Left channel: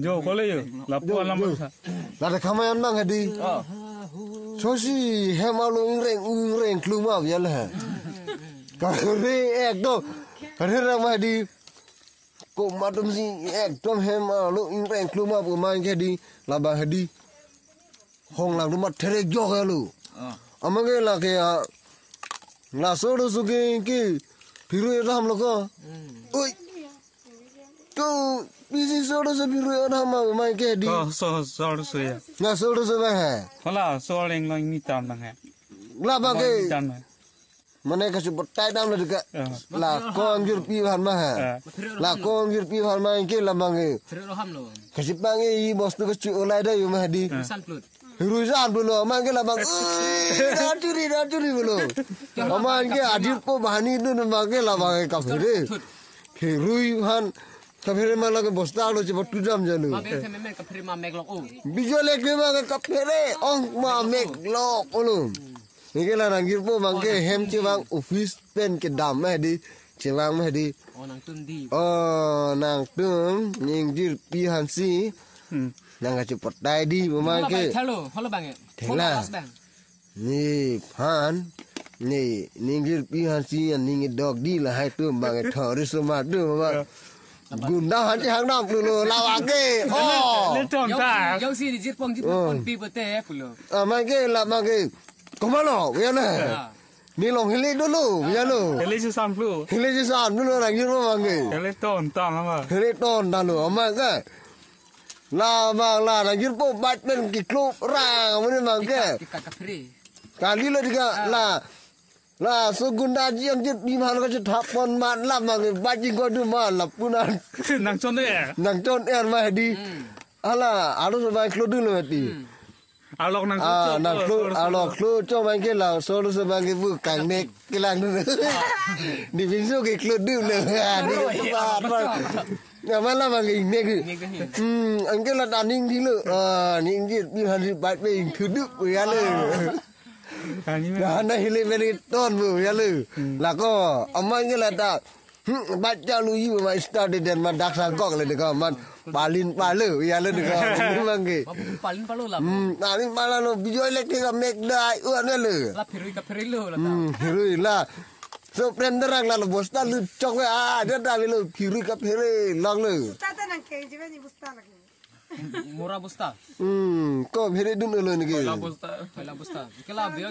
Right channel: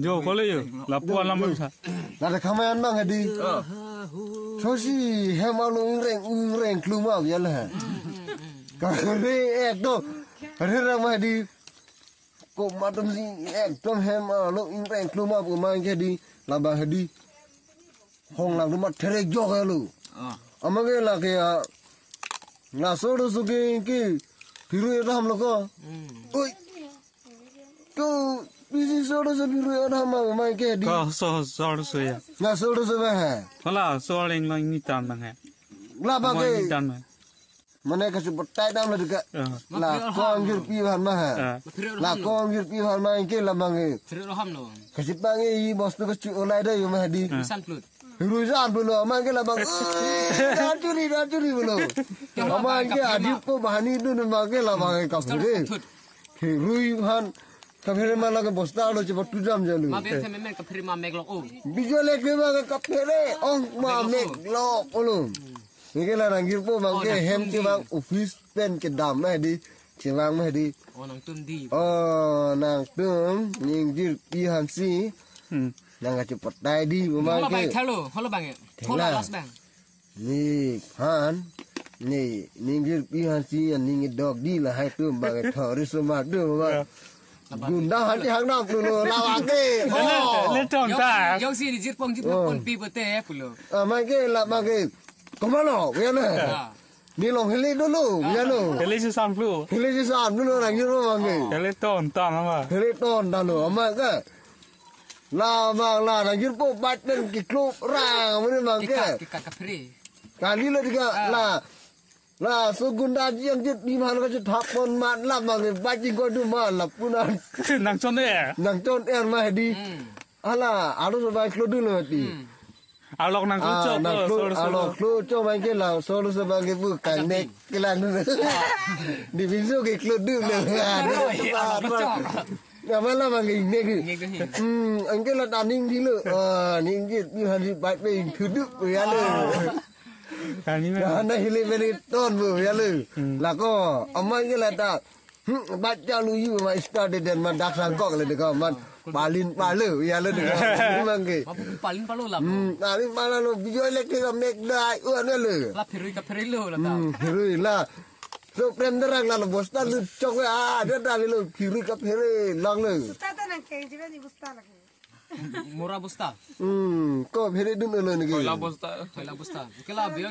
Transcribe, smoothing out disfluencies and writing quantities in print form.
Jo kole yo lapuan lamang sa. Lada kamayan mang hadi. Sosi hemalu reng kluma biarlah. Kali ekdo ramai di ko madam si ekdo hemalu reng kluma pemain hadi labang hadi. Hong lang rumah terek jo kalu. Amage la ke la sodo suge ki biru ram loko. Oi. Ko bisi sodo so biru ram mai ke di. Ko sodo so ya. Na sodo so hai. Hala so leng lang ni tam bang hai. La ba ke tam. Mana kasih bertai dalam juga. La ko anjir pi han ma hai. La ko anjir pi han mai ke la bang ke. Kasih pangi bos tu kecu olai dah yo mahdi. Rusak dulu, aman ke labang. Curi dulu. Aman ke adil ko bahani itu nama ke labang kafir. Rui han kafir malah ke bosta lo cepat tujam jalu. Bijol ke malah kafir, ma meglok ulum. Ini lah ranggir po bangke hem cewang office pen ke dam di cewang di. Oh nang tun ningjir pihan si. Nang cepat tadi memang ke. Halo bang. Ni pan ni ninggir pihan si yang ninggir dog di lah hai tu bang thori semua tu memang. Guna hati hang nam dulu lawak ke. Le tom ta. Yang si dijit pon pi bete pulo. Mai ke la mang ke. Kemana? Biarlah. Ni long hilir dulu, biarlah. Hele si sam flu. Hilir je sam dulu orang ni memang ke. Hele tom apa? Hilir ton dulu, amat ke. La bang la ranjir po batman ki klub rang memang ke. Kali lo juga la so gunda yang jit biman ka thapon man la mang bajing ko du man la punan Nang chon de. nang ton er ma di. Ala aro so bai klub dulu mati. Alok nang cho. Nang klub alok klub cho mang ke la so so bang ke bu kang nek ke la nu. Di bisu ke klub dulu. Ya malah mangi nek. Angke la daning di lu. Ning jit biman di bat be kudu ya le. Kali ni. Anda hilir beri ton bu ya lu. Lah ko amangnya lah tak. Baca lu you ma start dan ma dak sangkok le dekat man palin palu ya lu dekat memang ke. Palin palu lah. Palin palu lo bijo elektrik mek dai uan le. La perui lo lah tau. Perui lah. So prem derang lah bos ta lu cok ada dah lu perui ka perui lang lu. Busta ta nang ke jibe ni busta lagi. Murah busta. Ko perui dun lo ni ke. Kela busta. Kela biar